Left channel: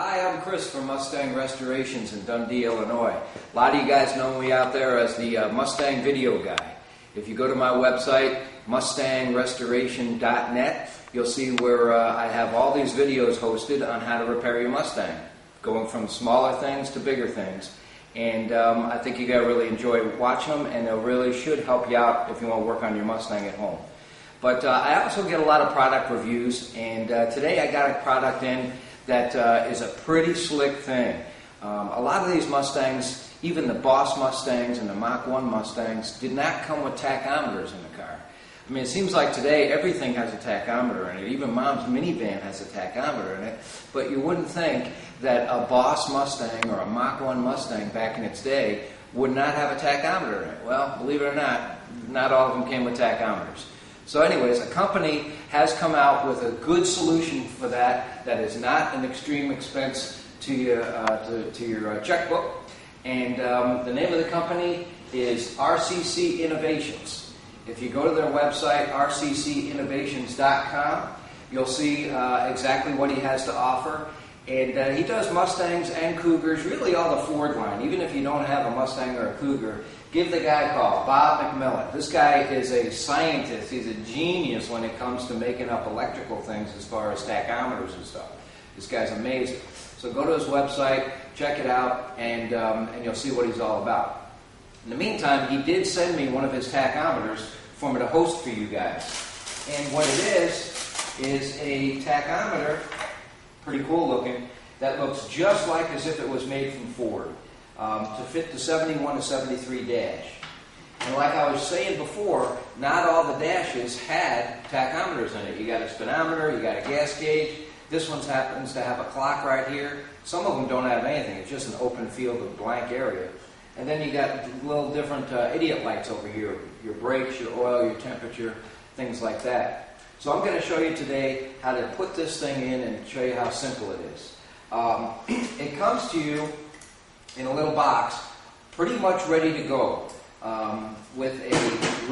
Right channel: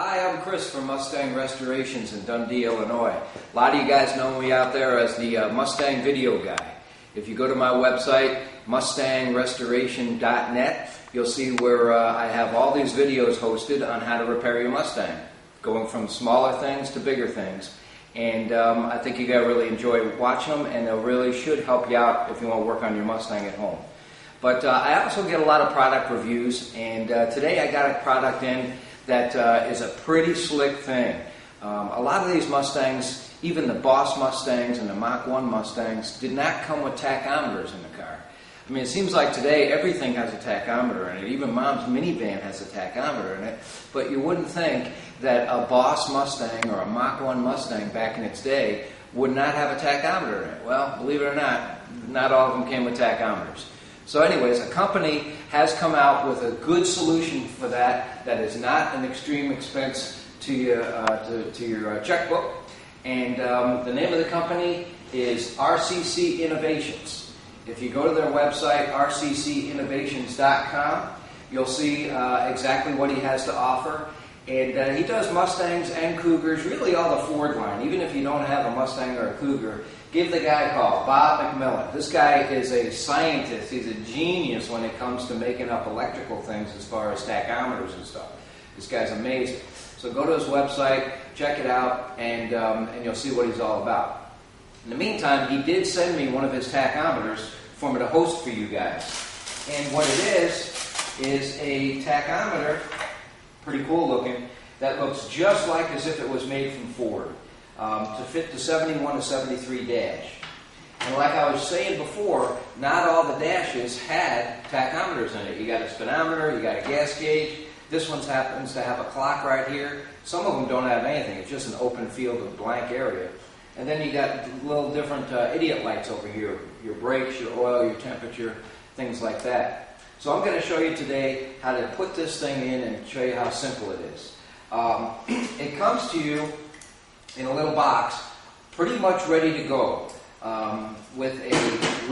Hi, I'm Chris from Mustang Restorations in Dundee, Illinois. A lot of you guys know me out there as the Mustang video guy. If you go to my website, mustangrestoration.net, you'll see where I have all these videos hosted on how to repair your Mustang, going from smaller things to bigger things. And I think you guys really enjoy watching them, and they really should help you out if you want to work on your Mustang at home. But I also get a lot of product reviews, and today I got a product in that is a pretty slick thing. A lot of these Mustangs, even the Boss Mustangs and the Mach 1 Mustangs, did not come with tachometers in the car. I mean, it seems like today everything has a tachometer in it. Even Mom's minivan has a tachometer in it. But you wouldn't think that a Boss Mustang or a Mach 1 Mustang back in its day would not have a tachometer in it. Well, believe it or not all of them came with tachometers. So anyways, a company has come out with a good solution for that is not an extreme expense to your checkbook. And the name of the company is RCC Innovations. If you go to their website, rccinnovations.com, you'll see exactly what he has to offer. And he does Mustangs and Cougars, really all the Ford line. Even if you don't have a Mustang or a Cougar, give the guy a call, Bob McMillan. This guy is a scientist. He's a genius when it comes to making up electrical things as far as tachometers and stuff. This guy's amazing. So go to his website, check it out, and you'll see what he's all about. In the meantime, he did send me one of his tachometers for me to host for you guys. And what it is a tachometer, pretty cool looking, that looks just like as if it was made from Ford, to fit the 71 to 73 dash. And like I was saying before, not all the dashes had tachometers in it. You got a speedometer, you got a gas gauge. This one happens to have a clock right here. Some of them don't have anything. It's just an open field of blank area. And then you got little different idiot lights over here. Your brakes, your oil, your temperature, things like that. So I'm going to show you today how to put this thing in and show you how simple it is. It comes to you in a little box, pretty much ready to go, with a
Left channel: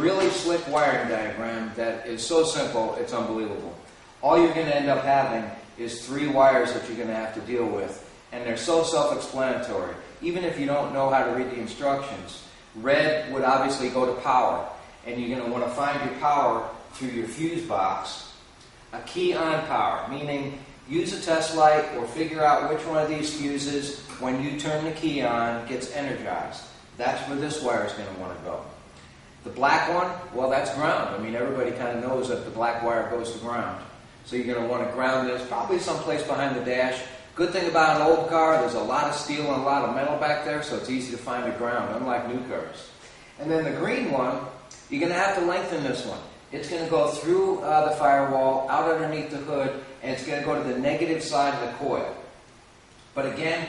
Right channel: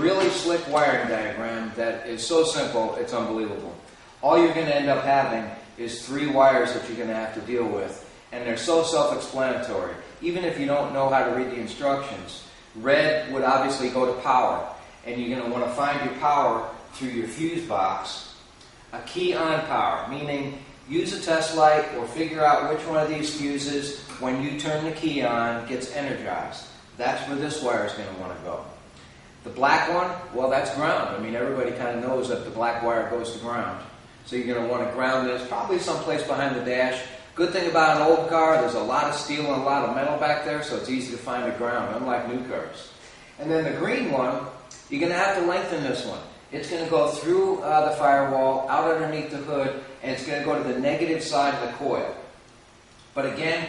really slick wiring diagram that is so simple, it's unbelievable. All you're going to end up having is 3 wires that you're going to have to deal with, and they're so self-explanatory. Even if you don't know how to read the instructions, red would obviously go to power, and you're going to want to find your power through your fuse box. A key on power, meaning use a test light or figure out which one of these fuses, when you turn the key on, gets energized. That's where this wire is going to want to go. The black one, well, that's ground. I mean, everybody kind of knows that the black wire goes to ground. So you're going to want to ground this probably someplace behind the dash. Good thing about an old car, there's a lot of steel and a lot of metal back there, so it's easy to find the ground, unlike new cars. And then the green one, you're going to have to lengthen this one. It's going to go through the firewall, out underneath the hood, and it's going to go to the negative side of the coil. But again,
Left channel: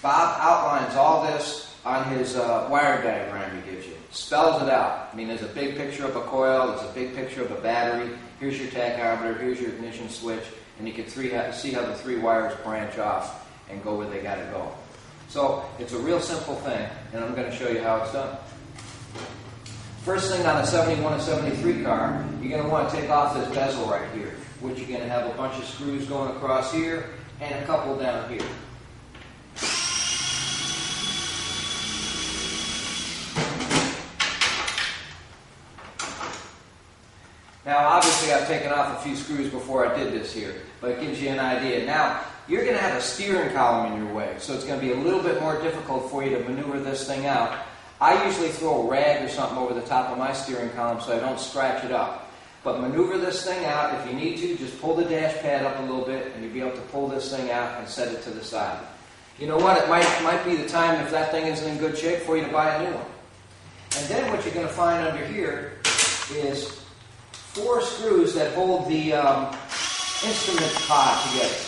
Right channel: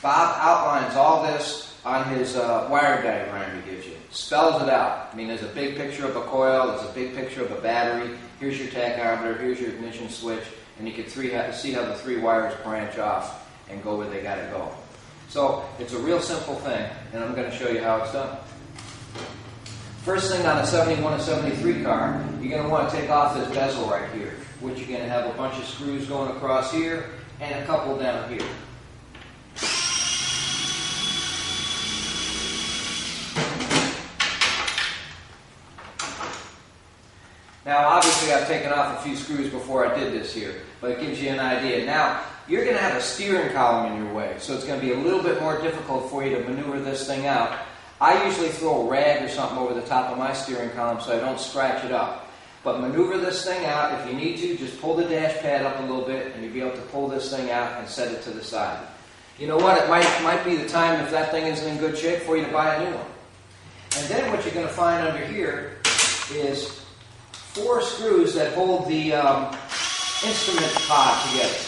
Bob outlines all this on his wire diagram he gives you. Spells it out. I mean, there's a big picture of a coil, there's a big picture of a battery, here's your tachometer, here's your ignition switch, and you can see how the 3 wires branch off and go where they got to go. So it's a real simple thing, and I'm going to show you how it's done. First thing on a 71 and 73 car, you're going to want to take off this bezel right here, which you're going to have a bunch of screws going across here and a couple down here. Now, obviously, I've taken off a few screws before I did this here, but it gives you an idea. Now, you're going to have a steering column in your way, so it's going to be a little bit more difficult for you to maneuver this thing out. I usually throw a rag or something over the top of my steering column so I don't scratch it up. But maneuver this thing out. If you need to, just pull the dash pad up a little bit, and you'll be able to pull this thing out and set it to the side. You know what? It might be the time, if that thing isn't in good shape, for you to buy a new one. And then what you're going to find under here is 4 screws that hold the instrument pod together.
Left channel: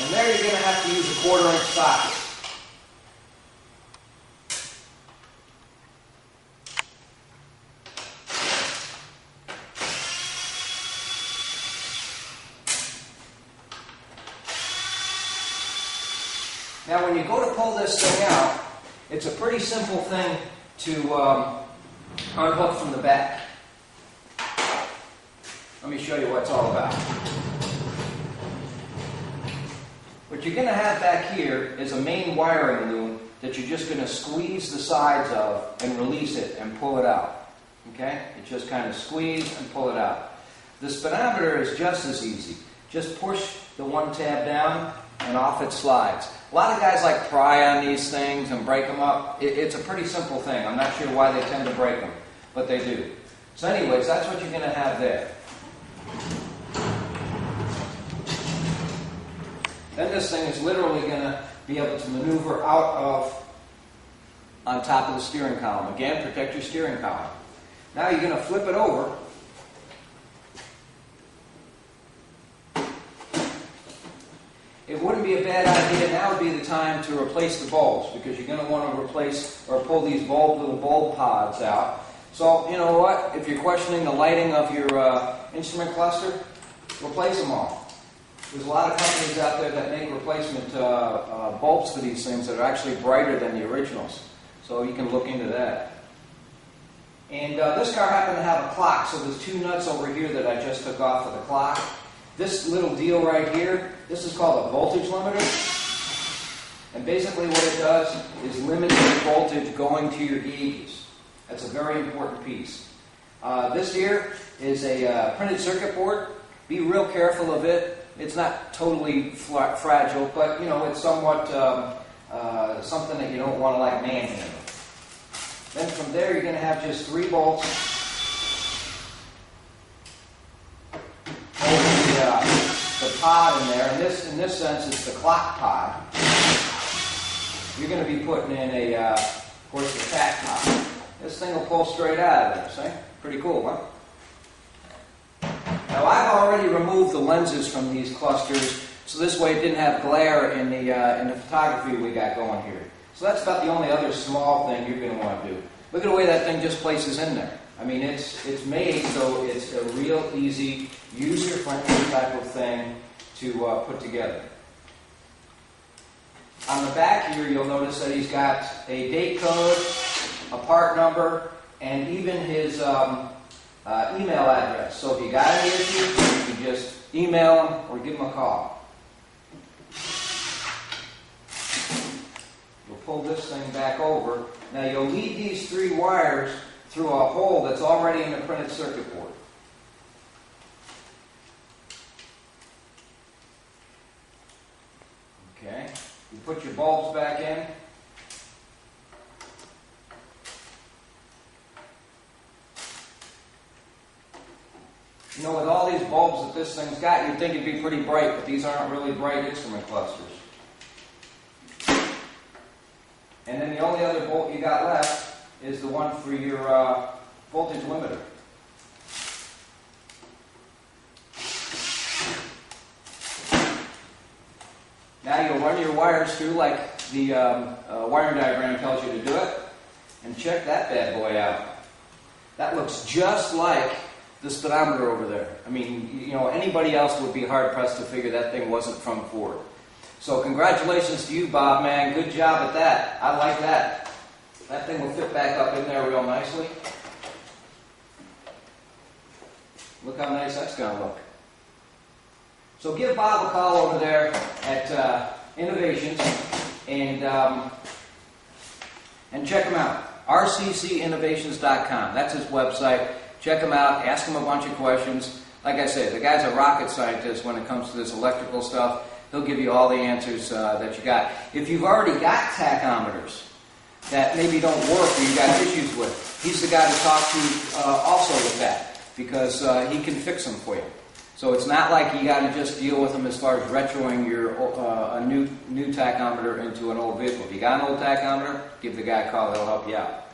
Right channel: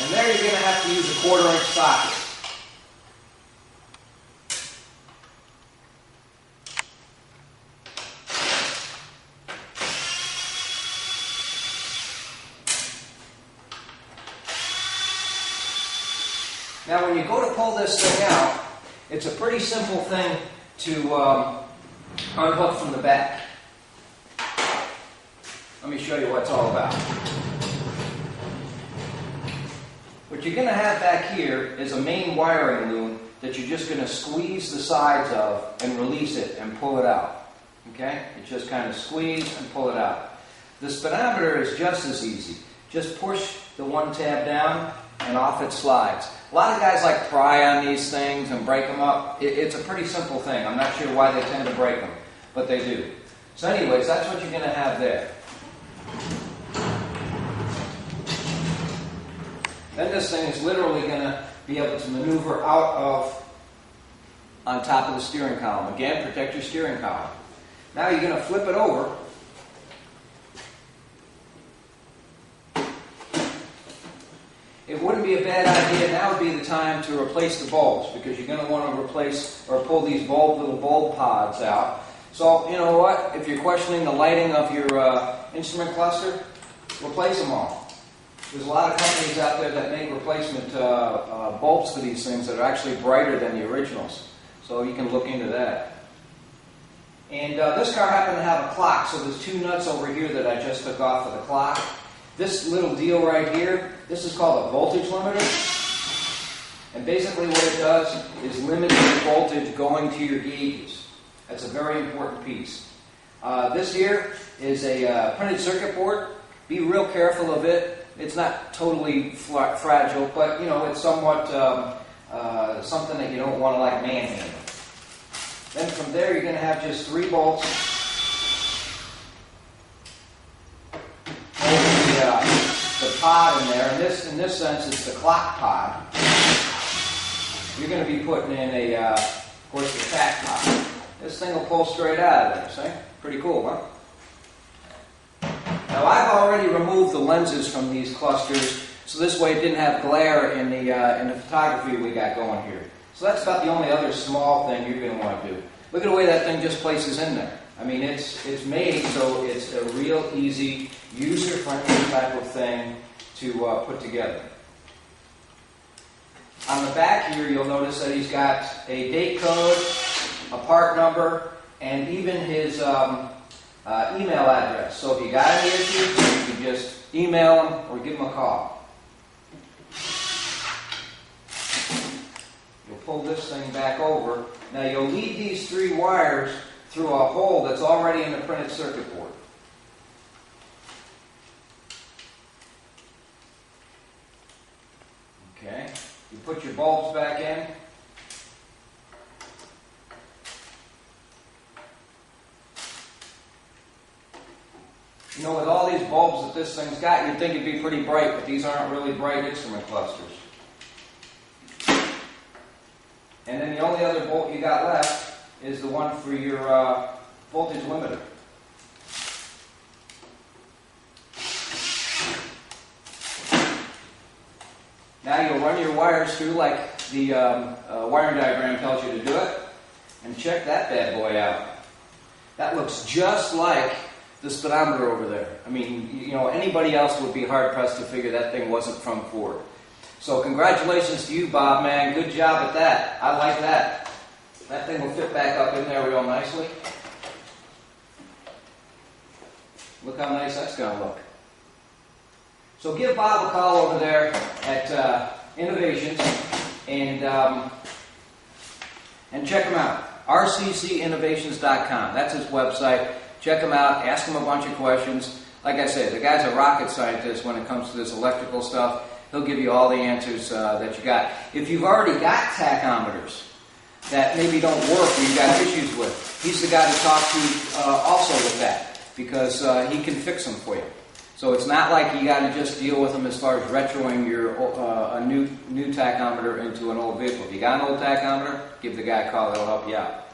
And there you're going to have to use a 1/4-inch socket. Now when you go to pull this thing out, it's a pretty simple thing to unhook from the back. Let me show you what it's all about. What you're going to have back here is a main wiring loom that you're just going to squeeze the sides of and release it and pull it out. Okay? You just kind of squeeze and pull it out. The speedometer is just as easy. Just push the one tab down and off it slides. A lot of guys like pry on these things and break them up. It's a pretty simple thing. I'm not sure why they tend to break them, but they do. So anyways, that's what you're going to have there. Then this thing is literally going to be able to maneuver out of on top of the steering column. Again, protect your steering column. Now you're going to flip it over. It wouldn't be a bad idea, now would be the time to replace the bulbs, because you're going to want to replace or pull these little bulb pods out. So, you know what? If you're questioning the lighting of your instrument cluster, replace them all. There's a lot of companies out there that make replacement bulbs for these things that are actually brighter than the originals. So you can look into that. And this car happened to have a clock, so there's two nuts over here that I just took off of the clock. This little deal right here, this is called a voltage limiter. And basically what it does is limit the voltage going to your gauges. That's a very important piece. This here is a printed circuit board. Be real careful of it. It's not totally fragile, but you know, it's somewhat something that you don't want to like manhandle. Then from there you're going to have just 3 bolts the pod in there. In this sense, it's the clock pod. You're going to be putting in of course, the tack pod. This thing will pull straight out of there. See? Pretty cool, huh? Now I've already removed the lenses from these clusters, so this way it didn't have glare in the photography we got going here. So that's about the only other small thing you're going to want to do. Look at the way that thing just places in there. I mean, it's made so it's a real easy, user-friendly type of thing to put together. On the back here, you'll notice that he's got a date code, a part number, and even his email address. So if you got any issues, you can just email him or give him a call. You'll pull this thing back over. Now you'll lead these 3 wires through a hole that's already in the printed circuit board. Okay, you put your bulbs back in. You know, with all these bulbs that this thing's got, you'd think it'd be pretty bright, but these aren't really bright instrument clusters. And then the only other bolt you got left is the one for your voltage limiter. Now you'll run your wires through like the wiring diagram tells you to do it, and check that bad boy out. That looks just like the speedometer over there. I mean, you know, anybody else would be hard-pressed to figure that thing wasn't from Ford. So congratulations to you, Bob, man. Good job at that. I like that. That thing will fit back up in there real nicely. Look how nice that's going to look. So give Bob a call over there at Innovations and check him out. RCCinnovations.com. That's his website. Check him out. Ask him a bunch of questions. Like I said, the guy's a rocket scientist when it comes to this electrical stuff. He'll give you all the answers that you got. If you've already got tachometers that maybe don't work or you've got issues with, he's the guy to talk to also with that, because he can fix them for you. So it's not like you got to just deal with them as far as retroing your a new tachometer into an old vehicle. If you got an old tachometer, give the guy a call. They'll help you out.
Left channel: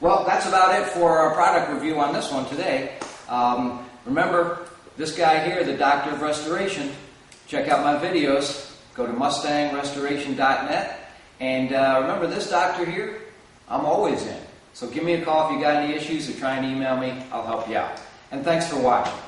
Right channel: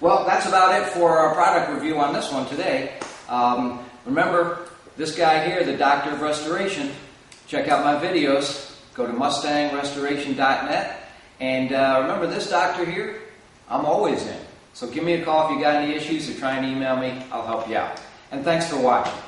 Well, that's about it for our product review on this one today. Remember, this guy here, the Doctor of Restoration, check out my videos. Go to mustangrestoration.net. And remember, this doctor here, I'm always in. So give me a call if you got any issues or try and email me. I'll help you out. And thanks for watching.